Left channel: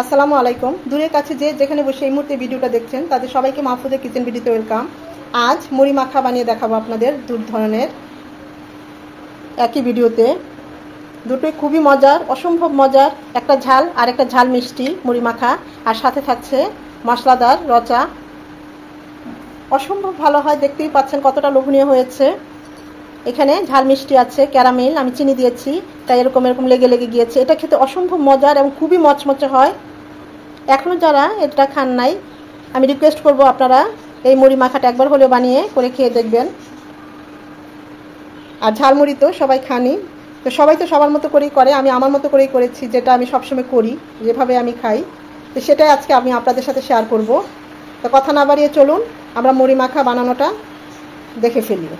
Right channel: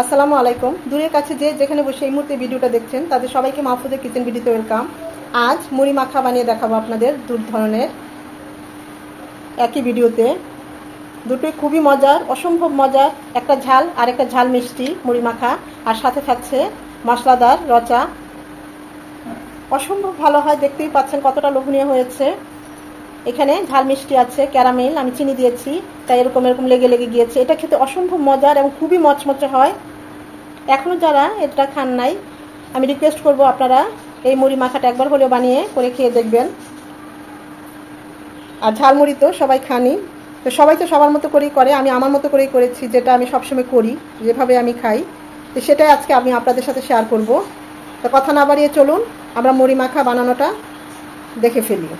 আসসালামু আলাইকুম। দূরের কাছে যে যেখানে বসে এই মুহূর্তে ভিডিওটা দেখছেন তাদের সবাইকে মাহফুজের কিচেন ভিডিওতে ওয়েলকাম। আজ মুড়ি মাখা বানিয়ে দেখাবো আপনাদের দু ধরনের একই ভিডিওতে। দুটোই খুবই মজার, অসম্ভব মজার। একটা ঝাল আর একটা ঝাল মিষ্টি মুড়ি মাখা, আর সাথে থাকছে মশলাদার রচা। অসম্ভব ভালো হয়, দেখতেই পাচ্ছেন কতটা লোভনীয় হয়েছে। এখানে ঝাল মিষ্টি আছে, ক্যারামেল, আমি চিনি দিয়েছি তাই এরকম লেগে লেগে গিয়েছে। এটা খেতে অসম্ভব মজার এবং খুবই মচমচে হয়। এখনো যারা এটা খান নাই, আমি রিকোয়েস্ট করব আপনারা এই মুড়ি মাখাটা একবার হলেও বানিয়ে করে খেয়ে দেখবেন। আর ঝালমুড়ি তো সবাই খানি, তো সবাই তো সবার মতো করেই করে, আমি আমার মতো করেই করেছি, যেটা আমি সবসময় করি, যেভাবে আমি খাই, তো সেটাই আজকে আমি আপনাদের সাথে শেয়ার করব। তো কথা না বাড়িয়ে চলুন আমরা মুড়ি মাখা বানানোটা দেখে ফেলি।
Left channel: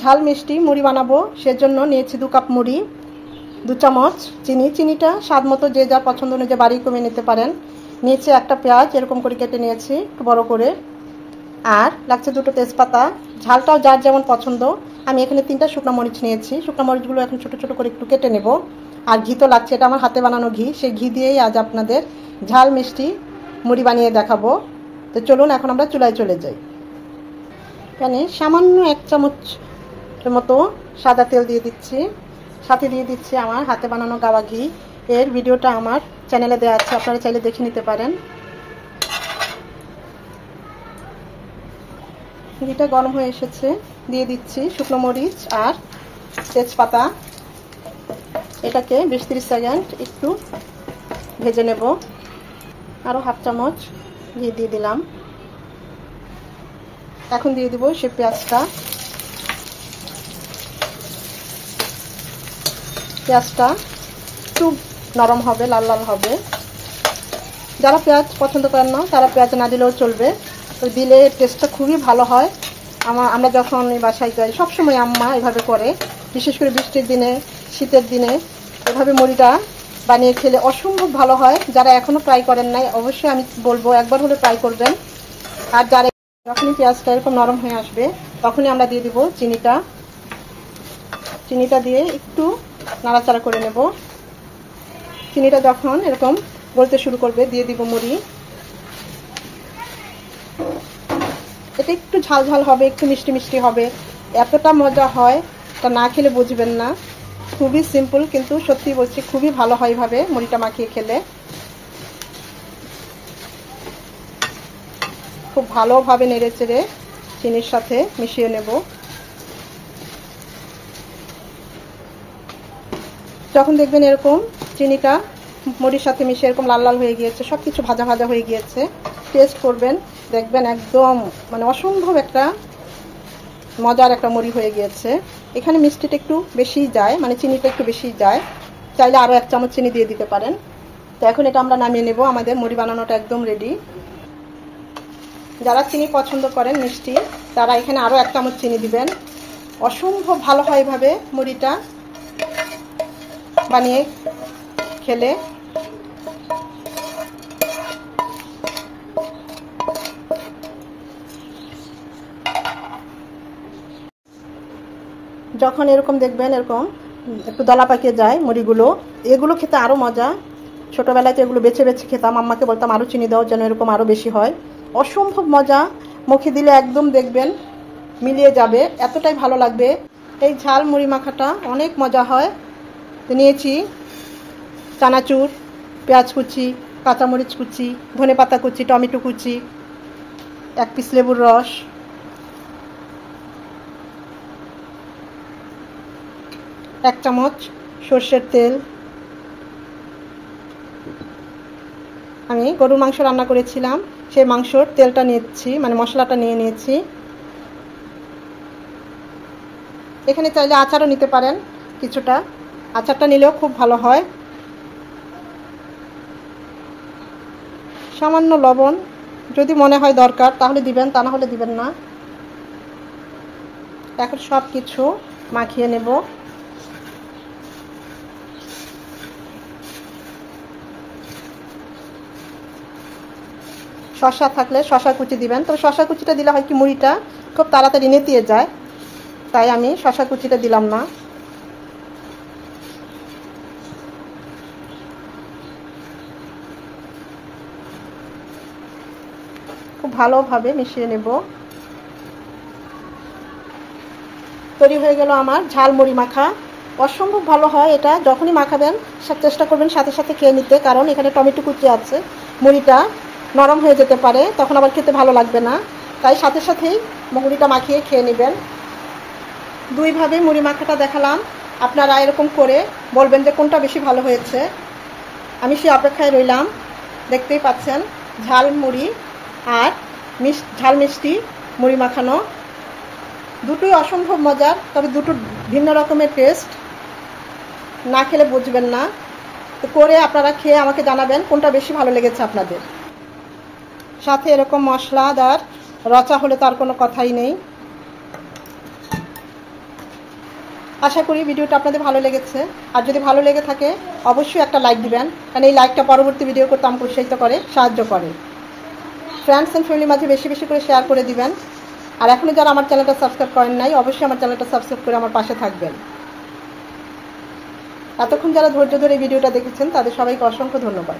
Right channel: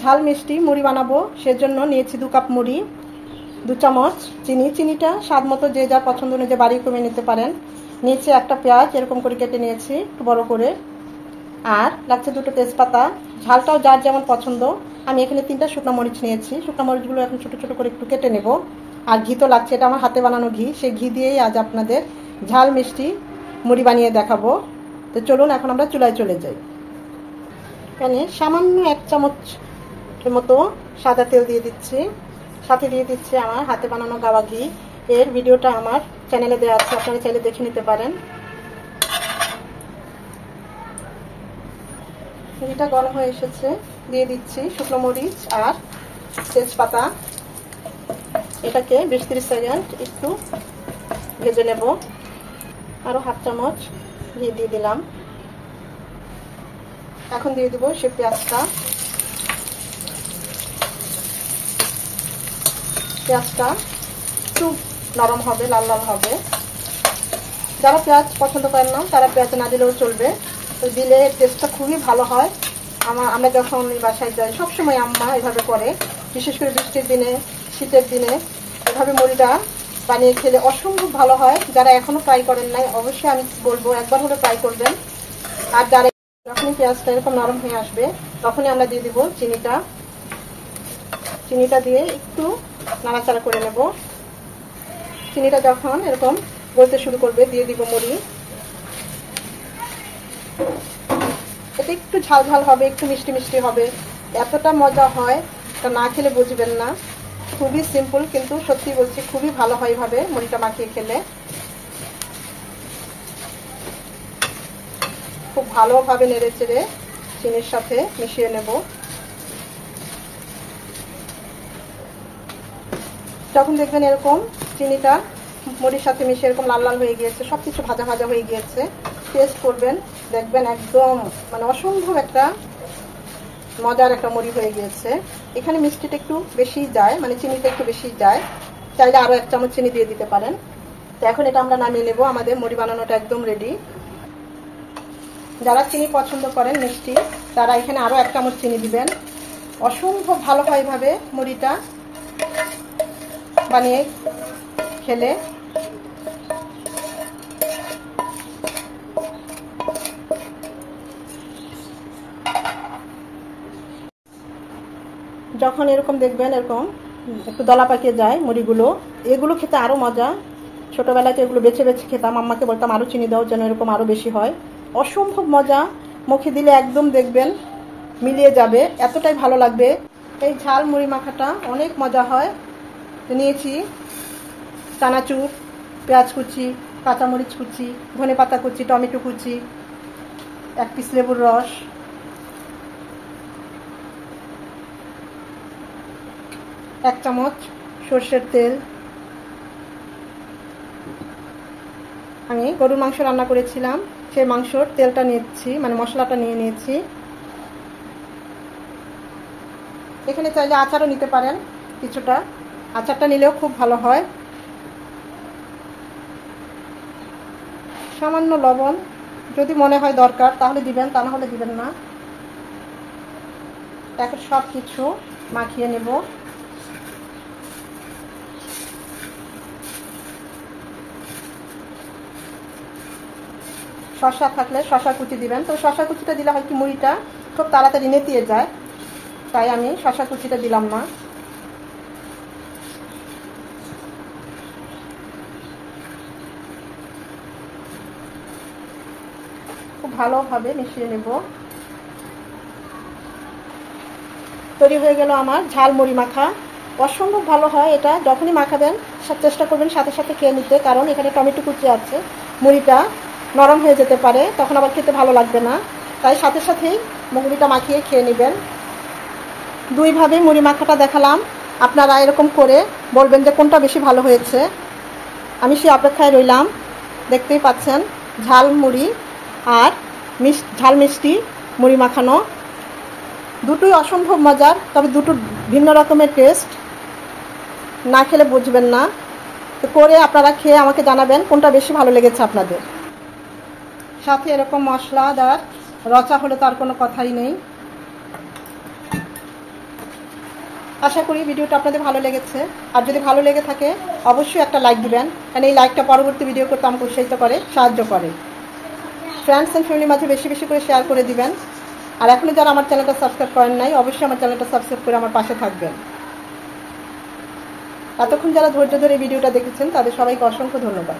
ঝাল মিষ্টি মুড়ি বানাবো, সেজন্য নিয়েছি 2 কাপ মুড়ি, 2 চামচ চিনি। চিনিটা স্বাদ মতো যে যার পছন্দ অনুযায়ী বাড়ি কমে নিতে পারেন। নিয়েছি একটা পেঁয়াজ, এরকম করে কেটে নিয়েছি একটু বড় করে। আর লাগছে 2টো তেজপাতা। ঝালটাও যার যেমন পছন্দ। আমি এখানে 3টা শুকনো মরিচ নিয়েছি। শুকনো মরিচগুলো এখন ছোট ছোট করে একটু কেটে নেব। আর ঘি তো লাগছে, এটা আমার হাতে বানানো ঘি, সেই ঘি দিয়েই আজ আপনাদের ঝাল মিষ্টি মুড়ি বানিয়ে দেখাবো। তো চলুন এখন আমরা চুলায় চলে যাই। এখানে সামান্য 1 চামচ মতো সাদা তেল দিয়ে দিচ্ছি, সাথে দিয়ে দিচ্ছি আমার হাতে বানানো গাওয়া ঘি। এর ভিডিওটা আমার চ্যানেলে দেওয়া আছে, আপনারা চাইলে দেখে নিতে পারেন। ঘিটা গরম হয়ে এসেছে, দিয়ে দিচ্ছি শুকনো মরিচ আর তেজপাতা। এটাকে 20-30 সেকেন্ড একটু ভেজে নেব। আরো 1/2 চামচ ঘি দিয়ে দিলাম। এখন দিয়ে দেবো সে পেঁয়াজটা। পেঁয়াজটা একটু নরম হবে, লাল লাল হবে। যারা পেঁয়াজ পছন্দ করেন না তারা পেঁয়াজ না দিলেও চলবে, তো দিলে টেস্টটা খুবই ভালো হয়। আমরা যখন বাসায় যাই সবসময় আম্মা এভাবে করে, বিশেষ করে বৃষ্টির দিনে, শীতের দিনে এভাবে মুড়িটা বানিয়ে খেলে অসম্ভব ভালো হয়। যারা এখনো ট্রাই করেন নাই অবশ্যই আমি বলবো একবার হলে ট্রাই করবেন। আর যারা যখনই পেঁয়াজটা এরকম নরম হয়ে আসবে তখনই আমরা দিয়ে দিব চিনিটা। চিনিটা দিয়ে একটু নাড়াচাড়া করে নেব। চিনিটা যখন এরকম গলতে শুরু করবে দিয়ে দিব মুড়ি। এটা একটু ঝাল ঝাল হবে, একটু মিষ্টি মিষ্টি হবে। এতটা মজা হয় তা না খেলে বুঝবেন না। খুবই সিম্পল, কিন্তু সত্যি বলছি খুবই ভালো হয় এভাবে মুড়িটা মাখিয়ে খেলে। খুব ভালোভাবে নেড়ে চেড়ে চিনির সাথে মিশিয়ে নেব। যখন দেখবেন এরকম চিনিটা মুড়ির সাথে মিশে এরকম লাল লাল হয়ে গিয়েছে, সবকিছু ভাজা ভাজা হয়ে গিয়েছে, টেস্ট করবেন, দেখবেন একদম অসম্ভব একটা মজার একটা মুড়ি হয়ে গিয়েছে। এখানে মিষ্টিটা একটু বেশি যায়, চিনিটা একটু বেশি যায়, চাইলে আরো 1 চামচ চিনি দিয়ে দিতে পারেন। তো এখন এটা আমরা নামিয়ে নেব, আমাদের মুড়ি বানানোটা একদম রেডি। যারা চিনি পছন্দ করেন মিষ্টি, তারা এখানে আরো 1 চামচ চিনি দিবেন। অসম্ভব ভালো হয় এভাবে মুড়িটা বানিয়ে খেলে। যখন এরকম দেখবেন এরকম একটু দলা পাকিয়ে যায় মুড়িগুলো, এগুলো খেতে আরো মজা। ছোটবেলায় তো এগুলো বেছে বেছে খেতাম, আম্মাকে বলতাম আরো চিনি দাও যেন এরকম আরো বেশি হয়। অসম্ভব মজা, মুখে দিলে একদম দেখবেন মিলিয়ে যাবে, এতটাই ভালো লাগবে। এই ঝাল মুড়ি মাখাটা অনেক মজা হয়। নিয়েছি চানাচুর, পেঁয়াজ কুচি, কাঁচামরিচ কুচি, ধনেপাতা কুচি, টমেটো কুচি, 1 পিস লেবুর রস, এক চামচ সর্ষের তেল। আমি গরুর মাংস রান্না করেছিলাম, সেই মাংসর তেলটা নিয়েছি, মশলাটা নিয়ে নিয়েছি। এখানে চাইলে আচারও নিতে পারেন কিছুটা, আচারটা নিলেও খুব ভালো হয়। সামান্য লবণ যদি মনে হয় দরকার তাহলে দিবেন, তা না হলে দিবেন না। এখন সব কিছু মাখিয়ে নেব। শসা থাকলে শসা কুচি দিবেন। তবে শসা কুচিটা দিলে হয় কি মুড়িটা খুব তাড়াতাড়ি নেতিয়ে যায়, তাই আমি শসা কুচিটা দিলাম না। খুব ভালোভাবে মিশিয়ে নেব। তৈরি হয়ে গেল আমার ঝাল মুড়ি মাখা। অসম্ভব ভালো হয় এটা, যখনই মাখাবেন চেষ্টা করবেন সাথে সাথে খেয়ে নিতে, কারণ এখানে টমেটো কুচি আছে, মুড়িটা নরম হয়ে যেতে পারে, তখন আবার খেতে ভালো লাগবে না, তাই সাথে সাথেই মুড়িটা মাখিয়ে খেয়ে নেবেন। দুইভাবে মুড়ি মাখাটা দেখালাম, আপনারা এরকম করে বলবেন যে কোনটা বেশি ভালো হয়েছে। আমি সেই অপেক্ষায় রইলাম। দেখতেই পাচ্ছেন ঝাল মুড়ি আর ঝাল মিষ্টি মুড়ি মাখানো, দুটোই অসম্ভব মজার, তবে দুটো ভিন্ন রকমের টেস্ট, না খেলে বুঝবেন না। তো করে আপনারা খেয়ে আমাকে জানাবেন কোনটা বেশি ভালো লেগেছে আপনাদের। সাথে এরকম মশলাদার রচা হলে তার কোনো কথাই নেই। আশা করি ভিডিওটা আপনাদের ভালো লেগেছে, আর যদি ভালো লেগে থাকে অবশ্যই একটা লাইক দিবেন, কারণ এই লাইকটা পরবর্তী ভিডিও করতে আমাকে উৎসাহিত করে, সাহায্য করে। ফ্রেন্ডস এন্ড ফ্যামিলির মাঝে বেশি বেশি করে শেয়ার করে দিবেন। আর এখনো যারা আমার চ্যানেলটা সাবস্ক্রাইব করেন নাই, অবশ্যই আমার চ্যানেলটা সাবস্ক্রাইব করে আমার পাশে থাকবেন। এতক্ষণ যারা ধৈর্য ধরে এই ভিডিওটা দেখেছেন তাদের সবাইকে অসংখ্য ধন্যবাদ।